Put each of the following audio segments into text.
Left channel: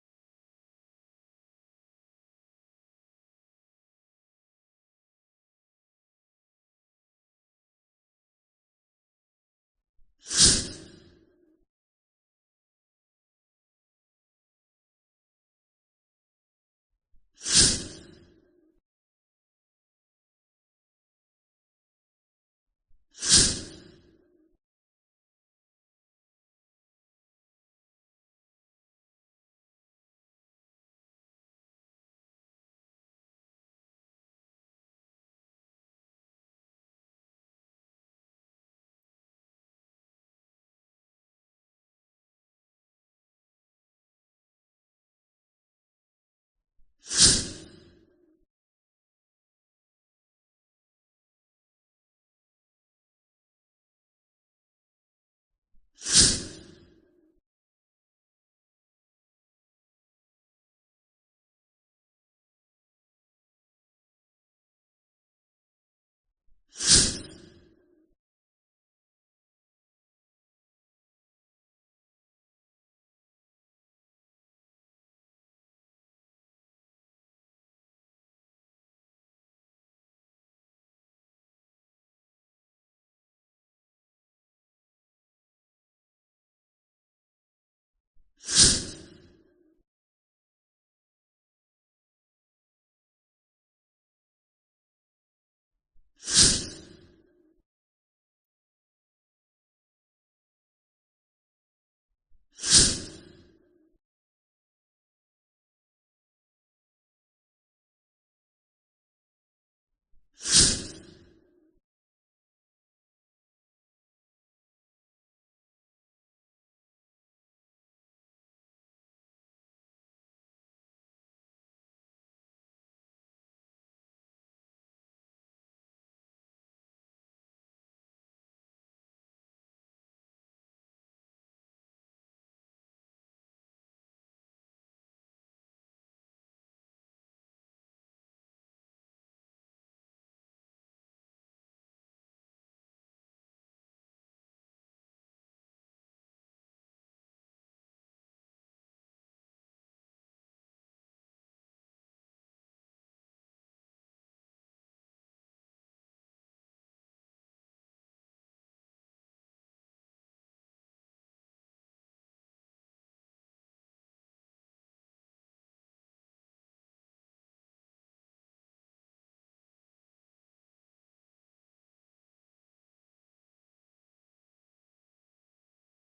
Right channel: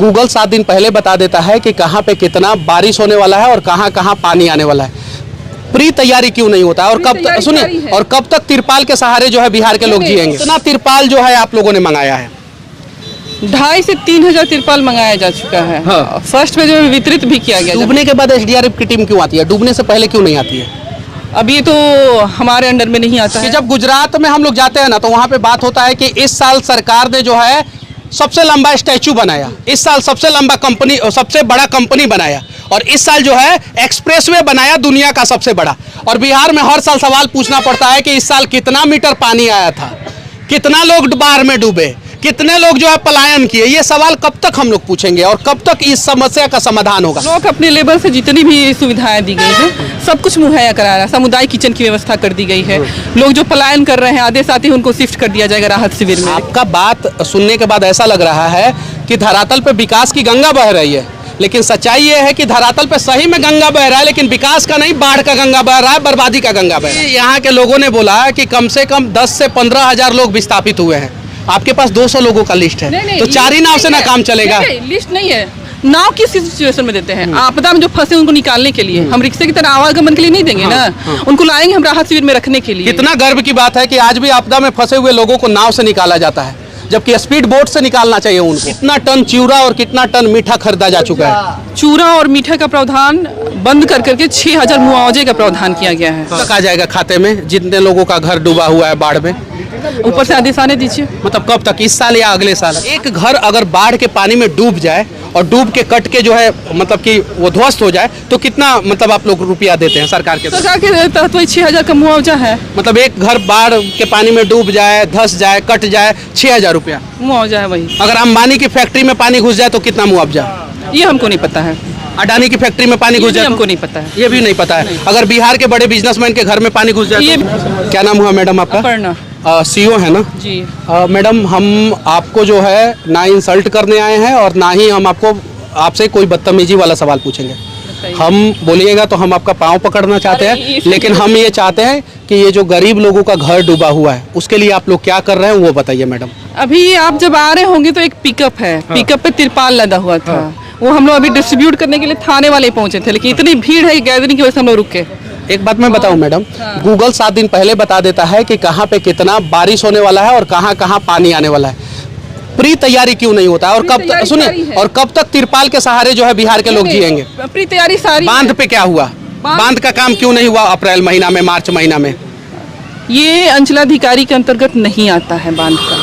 Google 7 दिन पहले बता देता है कि कहाँ पे कितना बारिश होने वाला है और कहाँ कहाँ पानी आने वाला है। प्री तैयारी क्यों नहीं होता है? और कब तक सुनिए, और कब तक तिरपाल के सहारे जो है बिहार के लोग जिएंगे? कितना तिरपाल जो है आप लोगों ने मंगाया है? 2,500 से 3,000 तिरपाल मंगाया जा चुका है। हाँ। फर्स्ट फेज में वितरित भी किया गया। डूबने के बाद एसडीआरएफ की टीम क्यों आती है? डूबने से पहले क्यों नहीं आती है? अब ये तो हमारे अंडर में नहीं आता है। जब गुजरात में हम लोग जाते हैं ना, तो वहाँ पे बात होता है कि इस साल सरकार ने जो है सबसे लंबा स्टैचू बनाया, इस साल सबसे लंबा कंपनी, सबसे बड़ा कंपनी बनाया, और इस साल जो है एक्सप्रेसवे बनाया दुनिया का सबसे बड़ा। और बिहार में हर साल सवाल पूछना पड़ता है कि इस साल कितना मीटर पानी आया था, कितना लोग बाढ़ में डूबे, कितने लोग जो है पलायन किए। ये सवाल कब तक हम लोग पूछेंगे और कब तक इस समस्या का समाधान होगा? लोग अपने लेवल से जितनी भी सुविधाएं दी गई है सब कुछ मुहैया करा रहा है। सामुदायिक किचन की व्यवस्था कर दी गई है। लोग जो पलायन कर रहे हैं आदेश आते ही उनको शिफ्ट कर दिया जाएगा राहत शिविर में। आपका बात सुनने के बाद ऐसा लग रहा है कि धरातल पे विकास की गंगा बह रही है, लेकिन सच्चाई ये है कि धरातल पे सही में गंगा बह रहा है, लेकिन विकास का नहीं, बाढ़ का गंगा बह रहा है, बर्बादी का गंगा बह रहा है। यहाँ के लोगों ने बोला कि कम से कम 10 से 15 हजार लोग विस्थापित हुए हैं। आपके पास 200 लोगों का लिस्ट है, तो 4 ही नाव से ना काम चलेगा। लिस्ट नहीं है। नाव किस सिचुएशन में देते हैं? आपदा में जो फंसे उनको निकालने के लिए। हम रिक्शे की तरह आवागमन के लिए नहीं देंगे ना। उनको लाएंगे हम राहत शिविर में रखने के लिए। कितना गर्व की बात है कि आज भी आपदा में फंसे हुए लोगों को नाव से निकाला जाता है, जबकि स्पीड बोट से निकालना चाहिए उनको। कितना टन चिवड़ा और कितना टन मीठा खरीदा जा चुका है? चूरा और मीठा का प्रावधान बंद कर करके 6,000 मुआवजे का प्रावधान किया गया है। कब आ जाएगा खाते में जितने लोगों का घर डूबा हुआ है बाढ़ में? ऊपर से आदेश आने दीजिए। मतलब कब तक, इस साल या अगले साल? एक घर अगर बाढ़ के पानी में डूब जाए और डूब के कट के जो है मतलब कि वो ध्वस्त हो जाए, तो कितना मतलब आप लोग रुपया देते हैं सरकार के? सरकार के तहत वही 6,000 का मुआवजा है। मतलब एक घर बाढ़ के पानी में डूब जाए, धस जाए, कट जाए, 6,000 रुपया मुआवजा है वही। अगर अंबानी की फैक्ट्री में पानी घुस जाए तो कितना मुआवजा? ये हमको नहीं पता है। अडानी की फैक्ट्री में पानी घुस जाए हमको नहीं पता है। ये भी नहीं पता है। अगर बिहार के बड़े बिजनेसमैन के घर में पानी घुस जाए क्या नाम हुआ मैडम आपका? अपर्णा। सीओ है ना जी। मैडम, हम आपको जो है ना इंसल्ट करने आए हैं और ना ही हम आपसे कोई बदतमीजी वाला सवाल पूछेंगे। हम बोलिएगा तो हम आपका पाँव पकड़ना चाहते हैं, लेकिन हम ये चाहते हैं कि ये जो गरीब लोगों का घर डूबा हुआ है उसके लिए आप लोग क्या कर रहे हैं वो बताइए मैडम। अभी आप जब आ रहे होंगे तो एक पिकअप है। पिकअप पे तिरपाल लदा हुआ था। वो हम लोग अभी डिस्ट्रीब्यूट करने के लिए थाने वाले पहुंचे थे, लेकिन इतनी भीड़ है गैदरिंग की वजह से हम लोग रुक के। एक बात मैं बताऊं मैडम, गूगल 7 दिन पहले बता देता है कि कहाँ पे कितना बारिश होने वाला है और कहाँ कहाँ पानी आने वाला है। प्री तैयारी क्यों नहीं होता है? और कब तक, सुनिए, और कब तक तिरपाल के सहारे जो है बिहार के लोग जिएंगे? प्री तैयारी सारी। बांध पे क्या हुआ? बांध का काम क्यों नहीं हुआ अप्रैल महीना में, मार्च महीना में? ये अंचलाधिकारी के अंतर्गत नहीं आता है बांध का।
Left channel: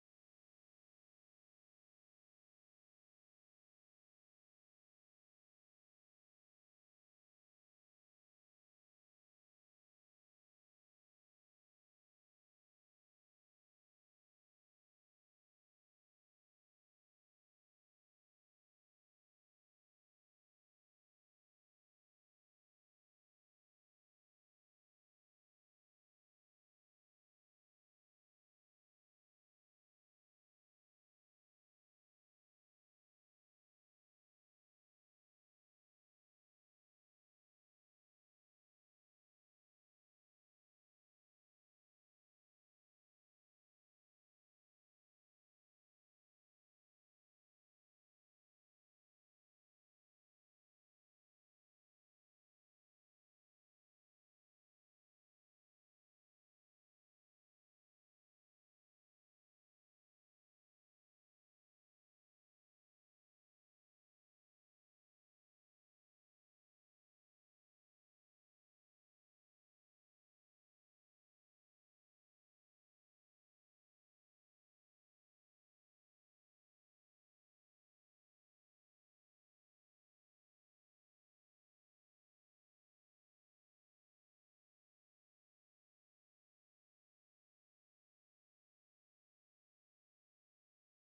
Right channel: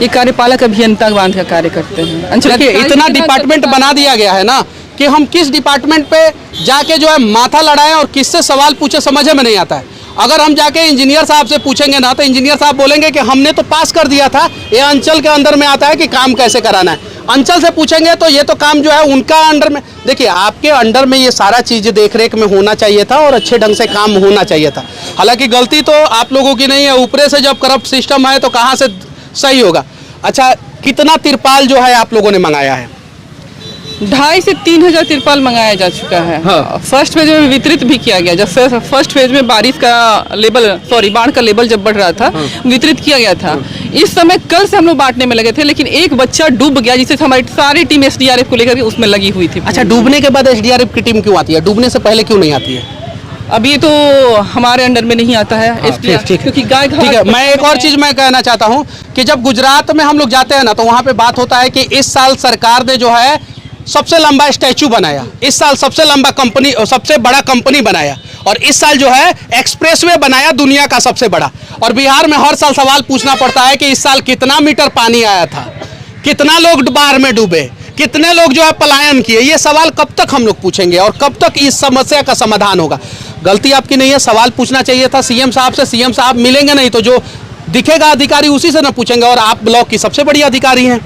ये कार्यपालक अभियंता बांध का कार्य करते हैं। इतना डिपार्टमेंट बना दिया गया है ना कि हम किस डिपार्टमेंट पे जाके जो है माथा लड़ाएं और किससे सवाल पूछे समझ में नहीं आता है। अगर हम जाके इंजीनियर साहब से पूछेंगे ना तो इंजीनियर साहब बोलेंगे कि हमने तो पास कर दिया था, ये अंचल के अंदर में आता है कि काम कैसे कराना है। अंचल से पूछेंगे तो ये तो काम जो है उनका अंडर में। देखिए, आपके अंडर में ये सारा चीज़ देख रेख में होना चाहिए था और अच्छे ढंग से काम होना चाहिए था। हालांकि गलती तो आप लोगों की नहीं है, ऊपरे से जब करप्ट सिस्टम है तो कहाँ से सही होगा। अच्छा, कितना तिरपाल जो है आप लोगों ने मंगाया है? 2,500 से 3,000 तिरपाल मंगाया जा चुका है। हाँ। फर्स्ट फेज में वितरित भी किया गया। जब फर्स्ट फेज में बाढ़ का लेवल जब बढ़ रहा था, वितरित किया गया था। इस समय कल से हम लोग बांटने में लगे थे, लेकिन एक बच्चा डूब गया जिससे हमारी सारी टीम एसडीआरएफ को लेकर उसमें लगी हुई थी। अच्छा, डूबने के बाद एसडीआरएफ की टीम क्यों आती है? डूबने से पहले क्यों नहीं आती है? अब ये तो हमारे अंडर में नहीं आता है। क्योंकि गाय घाट। ठीक है, मैं एक और चीज मैं कहना चाहता हूँ कि जब गुजरात में हम लोग जाते हैं ना, तो वहाँ पे बात होता है कि इस साल सरकार ने जो है सबसे लंबा स्टैचू बनाया, इस साल सबसे लंबा कंपनी, सबसे बड़ा कंपनी बनाया, और इस साल जो है एक्सप्रेसवे बनाया दुनिया का सबसे बड़ा। और बिहार में हर साल सवाल पूछना पड़ता है कि इस साल कितना मीटर पानी आया था, कितना लोग बाढ़ में डूबे, कितने लोग जो है पलायन किए। ये सवाल कब तक हम लोग पूछेंगे और कब तक इस समस्या का समाधान होगा? गलती आपकी नहीं है, सवाल पूछना चाहिए था सीएम साहब से। सीएम साहब मिलेंगे नहीं तो जो दिखेगा अधिकारी उसी से ना पूछेंगे, और आप ब्लॉक की सबसे बड़ी अधिकारी हैं।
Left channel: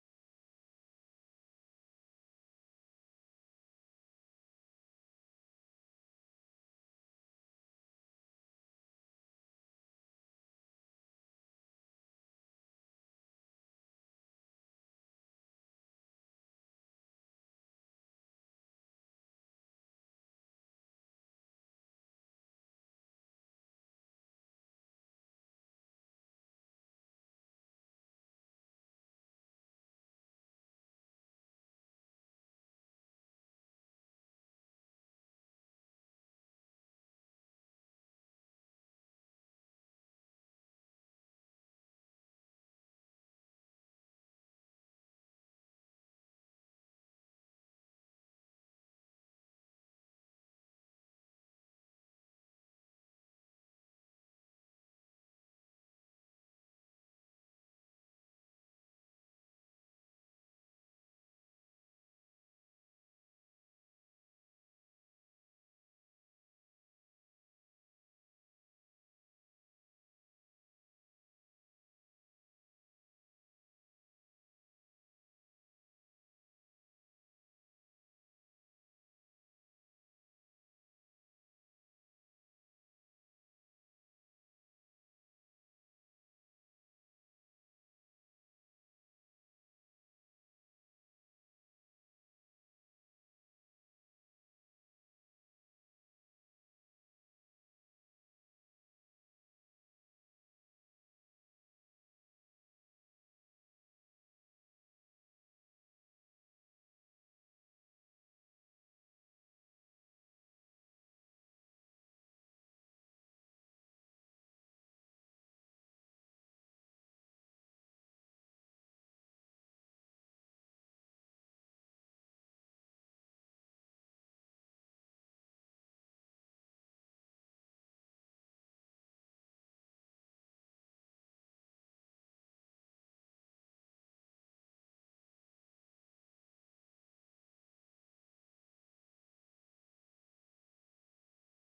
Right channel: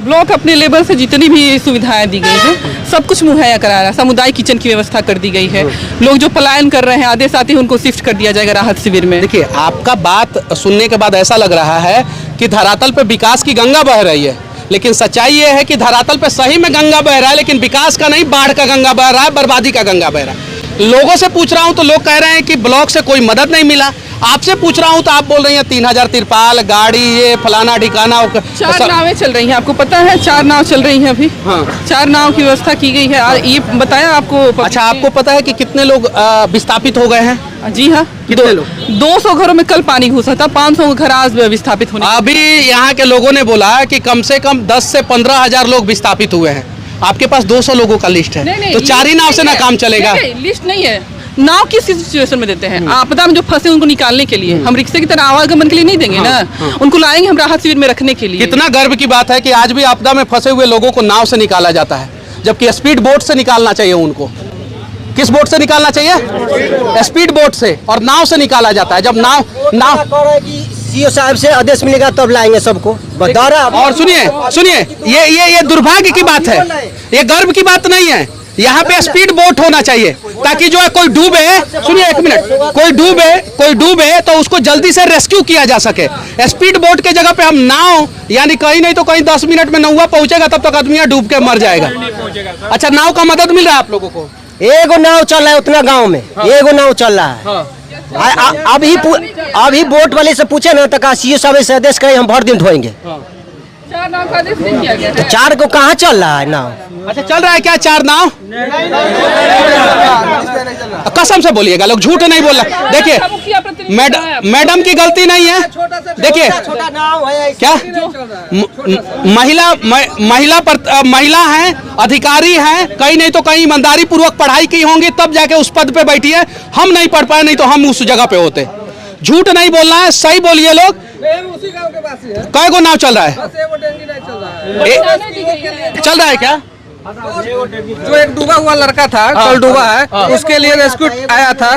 ब्लॉक अपने लेवल से जितनी भी सुविधाएं दी गई है सब कुछ मुहैया करा रहा है। सामुदायिक किचन की व्यवस्था कर दी गई है। लोग जो पलायन कर रहे हैं आदेश आते ही उनको शिफ्ट कर दिया जाएगा राहत शिविर में। देखिए, आपका बात सुनने के बाद ऐसा लग रहा है कि धरातल पे विकास की गंगा बह रही है, लेकिन सच्चाई ये है कि धरातल पे सही में गंगा बह रहा है, लेकिन विकास का नहीं, बाढ़ का गंगा बह रहा है, बर्बादी का गंगा बह रहा है। लोगों से पूछ रहा हूं तो लोग कह रहे हैं कि ब्लॉक से कोई मदद नहीं मिला। आपसे पूछ रहा हूँ तो आप बोल रही हैं 3000 तिरपाल, गाड़ी, ये फलाना ठिकाना। 4 नावें चल रही हैं, आपको पता है 4 नाव चल रही हैं अभी। हाँ। 4 नाव की व्यवस्था की गई है, ये बताया आपको। अच्छा, आपको पता है कि कितने लोग विस्थापित हो गए हैं? जी हाँ, कितने लोग? 200 घरों में कल पानी घुसा था, 500 घर आज विस्थापित होने। अभी यहाँ के लोगों ने बोला कि कम से कम 10 से 15,000 लोग विस्थापित हुए हैं। आपके पास 200 लोगों का लिस्ट है, तो 4 ही नाव से ना काम चलेगा। लिस्ट नहीं है, नाव किस सिचुएशन में देते हैं? आपदा में जो फंसे उनको निकालने के लिए, हम रिक्शे की तरह आवागमन के लिए नहीं देंगे ना, उनको लाएंगे हम राहत शिविर में रखने के लिए। कितना गर्व की बात है कि आज भी आपदा में फंसे हुए लोगों को नाव से निकाला जाता है, जबकि स्पीड बोट से निकालना चाहिए उनको। किस बोट से निकालना चाहिए? स्पीड बोट से, और नाव से निकाला जाता है। जब नाव सीओ साहब से आदेश मिलेगा तब लाएंगे सबको, बता। और सुनिए, ये दुर्भाग्य की बात है, ये गर्व की बात नहीं है। यहाँ पे स्पीड बोट होना चाहिए ताकि जो है कोई डूबे, सुनिए 1 मिनट, कोई डूबे तो उसको जल्दी से रेस्क्यू किया जा सके। स्पीड बोट के जगह पे हम नाव, यानी कहीं नहीं तो कहीं 10 मिनट में नौवा पहुंचेगा, तब तक आदमी डूब के मर जाएगा। अच्छा, नाव का मदद मिल रहा है आप लोगों को? एगो नाव चल रहा है उतना गांव में, एगो नाव चल रहा है। अभी बोट वाले से पूछे ना तो सीओ साहब से आदेश करे हम भर दिन ढोएंगे। 4 नाव का आदेश नहीं किया गया है। 4 को कहाँ चल रहा है नाव? अच्छा, चल रहा है क्या 4 नाव? कसम से बोलिएगा, लोग झूठ नहीं बोल रहा। देखिए मैडम की गलती नहीं है। देखिए छोटा नाव है क्या महिला हैं, अधिकारी हैं, कहीं नहीं तो कहीं ईमानदारी पूर्वक पढ़ाई की होंगी, तब जाके उस पद पे बैठी है। हम नहीं पढ़ पाए, नहीं तो हम उस जगह पे होते। झूठ नहीं बोलना है, सही बोलिए लोग। उसी गांव के पास ही है। कई को नाव चल रहा है? बस एगो डेंगी नहीं चल रहा है। चल रहा है क्या? जो एक डूबा हुआ लड़का था, कल डूबा है, उसके लिए रेस्क्यू आया था,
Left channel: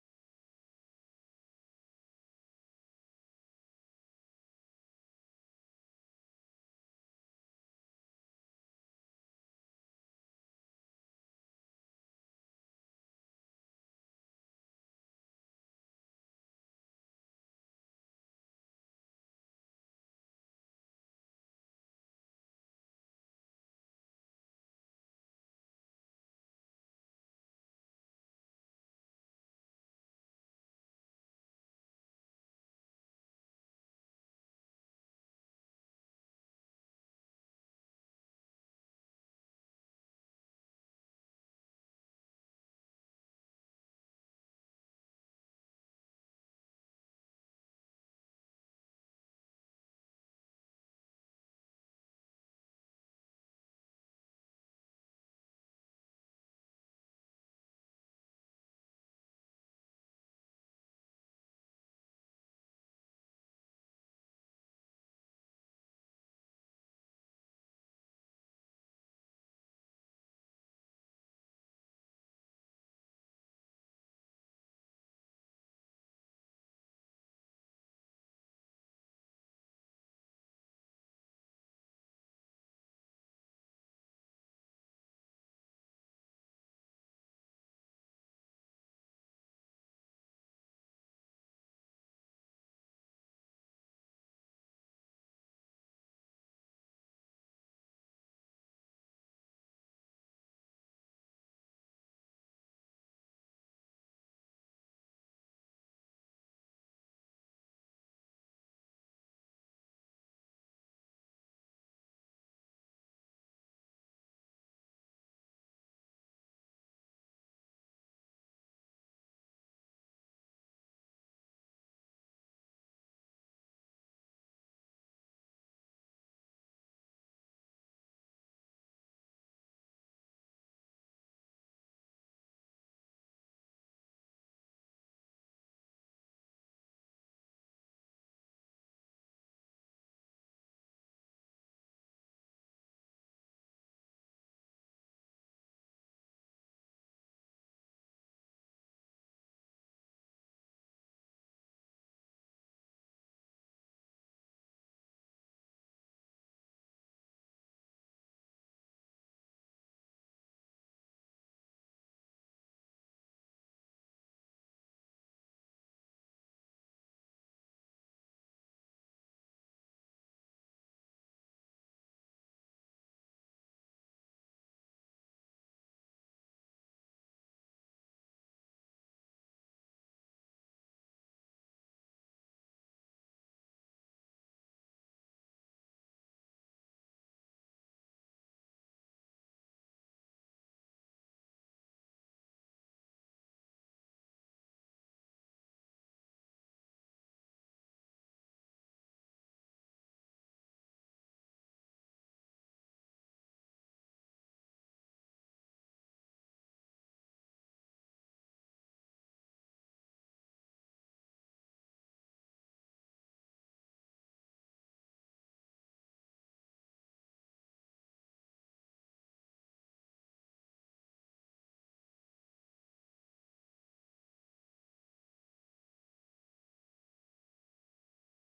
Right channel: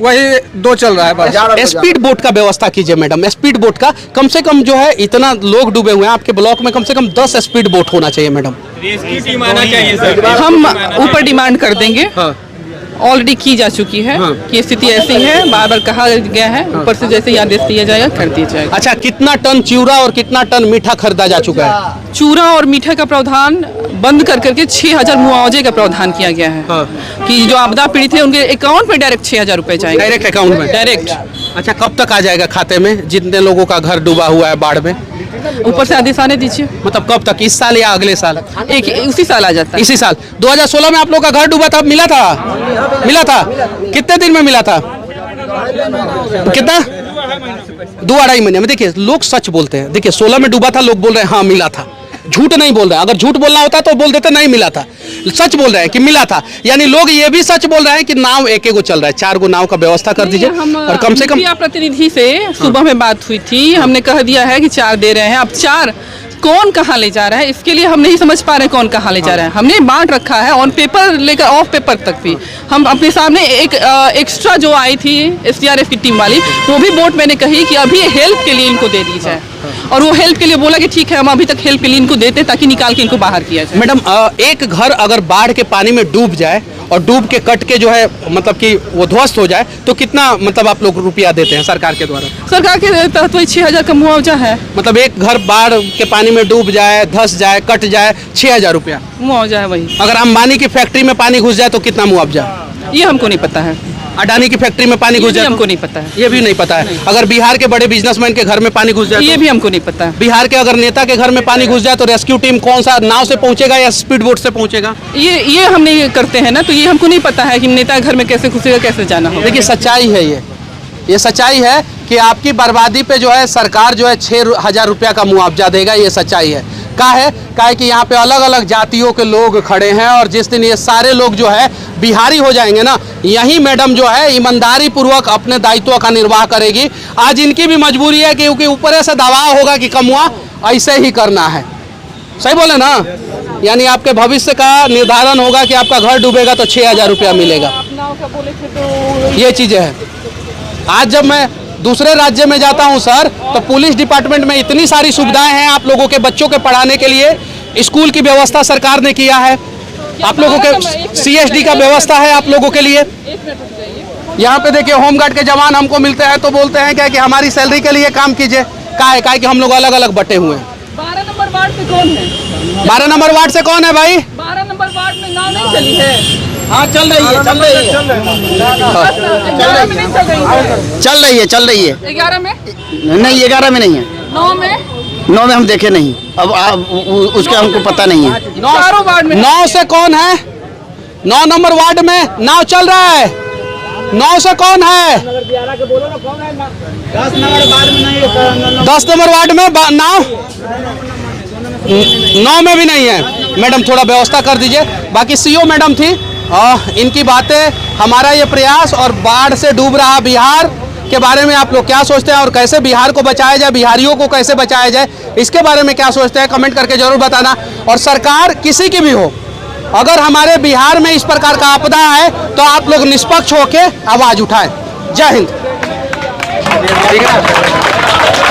वही 2 चल रहा है बस। स्पीड बोट का व्यवस्था कीजिए मैडम, स्पीड बोट का कम से कम जो है, इतना लोग डूबे हुए हैं आपके ब्लॉक में, कम से कम 10 स्पीड बोट होना चाहिए मैडम। रेस्क्यू टीम आना चाहिए सर। हम ऊपर डिमांड कर देंगे, ऑलरेडी की जा चुकी है कि स्थिति ऐसी है, बार बार कहा गया है, ऊपर से जैसे आदेश दिया जाएगा कर दिया जाएगा। अच्छा, कितना टन चिवड़ा और कितना टन मीठा खरीदा जा चुका है? चूरा और मीठा का प्रावधान बंद कर करके 6000 मुआवजे का प्रावधान किया गया है कि जो आपदा पीड़ित है उनके अकाउंट में डायरेक्ट 6000 रुपए जाएंगे, डायरेक्ट अकाउंट में डायरेक्ट। अच्छा, कब तक आ जाएगा खाते में जितने लोगों का घर डूबा हुआ है बाढ़ में? ऊपर से आदेश आने दीजिए। मतलब कब तक, इस साल या अगले साल? उसी साल आ जाता है। इसी साल 2016 में आप लोग का घर डूबा था, मिला था? कितने दिन में मिला था? कितना? 2-2.5 महीने में। देखिए लोग सच बोलते हैं। देखिए 16 में डूबा था, लोग बोल रहे हैं हाँ मिला था, झूठ नहीं बोल रहे हैं। अगर झूठ बोलना होता तो बोल देते नहीं मिला था, सच बोल रहे हैं कि मिला था। यानी लोग ये भी सच बोल रहे हैं कि नाव एक चल रहा है। 4 नाव का व्यवस्था कर दीजिए। और कम से कम प्रतिनिधि से सुबह में बात हुई थी, हमने कह दिया है कि 4 दे रहे हैं। अब 4 कौन कहाँ ले जा रहा है, इसके लिए हम नहीं समझ पा रहे कौन कहाँ ले जा रहा है। हमने बांट रखा है ऑन पेपर लेकर ऑफ पेपर तक भी। हम अपने सामने एक एक्स्ट्रा जो आई थी SDRF की टीम वाली, वो भी बोट मैंने कही कि अभी हेल्प के लिए इनको दे दी जाए, और वो हेल्प के लिए बोला कि ठीक है हम अभी तक हेल्प के लिए इनको देते ताकि निकाल के इनको बाहर किया जाए। मैडम, एक घर अगर बाढ़ के पानी में डूब जाए और डूब के कट के जो है मतलब कि वो ध्वस्त हो जाए, तो कितना मतलब आप लोग रुपया देते हैं सरकार के द्वारा? सरकार के तहत वही 6000 का मुआवजा है। मतलब एक घर बाढ़ के पानी में डूब जाए, धस जाए, कट जाए, 6000 रुपया मुआवजा है वही। अगर अंबानी की फैक्ट्री में पानी घुस जाए तो कितना मुआवजा? ये हमको नहीं पता है। अडानी की फैक्ट्री में पानी घुस जाए हमको नहीं पता है। ये भी नहीं पता है। अगर बिहार के बड़े बिजनेसमैन के घर में पानी घुस जाए, ये भी हमको नहीं पता है। बिहार के अगर नेता के घर में पानी घुस जाए तो रेस्क्यू टीम कौन सा नाव से पहुंचेगा या स्पीड बोट से पहुंचेगा? ये हम नहीं करते हैं ना, तो ये हमको नहीं पता है कि नेता के घर में कैसे घुसेगा, कैसे जाना होगा। देखिए सच्चाई है, ये सच्चाई है कि आपकी बर्बादी पे जो है सरकार जो है 6000 रुपया का मुआवजा देगा। ये सच्चाई है। का है कि यहाँ पे अलग अलग जातियों के लोग खड़े हैं, और जिस दिन ये सारे लोग जो है बिहारी हो जाएंगे ना, यही मैडम जो है ईमानदारी पूर्वक अपने दायित्व का निर्वाह करेगी। आज इनकी भी मजबूरी है क्योंकि ऊपर से दबाव होगा कि कमुआ ऐसे ही करना है। सही बोले ना? यानी आपके भविष्य का निर्धारण होगा कि आपका घर डूबेगा तो 6000 रुपया मिलेगा। ये चीज़ें हैं। आज जब मैं दूसरे राज्य में जाता हूं सर, तो पुलिस डिपार्टमेंट में इतनी सारी सुविधाएं हैं आप लोगों के बच्चों के पढ़ाने के लिए। स्कूल की व्यवस्था सरकार ने किया है, आप लोगों के CSD का व्यवस्था है आप लोगों के लिए। यहाँ पे देखिए होमगार्ड के जवान हमको मिलते हैं तो बोलते हैं क्या कि हमारी सैलरी के लिए काम कीजिए। का है कि हम लोग अलग अलग बटे हुए हैं। 12 नंबर वार्ड से कौन है? 12 नंबर वार्ड से कौन है भाई? 12 नंबर वार्ड में नाव नहीं चली है। हाँ चल रही है, चल रही है, चल रही है, चल रही है। 11 में नहीं 11 में नहीं है, 9 में 9 में हम देखे नहीं। अब उसके हमको पता नहीं है। चारों वार्ड में 9 से कौन है? 9 नंबर वार्ड में नाव चल रहा है। 9 से कौन है? 10 नंबर वार्ड में नाव 9 में भी नहीं है। मैडम थोड़ा व्यवस्था कर दीजिए। बाकी सीओ मैडम थी, इनकी बातें, हमारा ये प्रयास और बाढ़ से डूब रहा बिहार के बारे में आप लोग क्या सोचते हैं और कैसे बिहार को बचाया जाए, बिहारियों को कैसे बचाया जाए, इसके बारे में क्या सोचते हैं कमेंट करके जरूर बताना। और सरकार किसी की भी हो, अगर हमारे बिहार में इस प्रकार का आपदा है तो आप लोग निष्पक्ष होकर आवाज उठाएं। जय हिंद।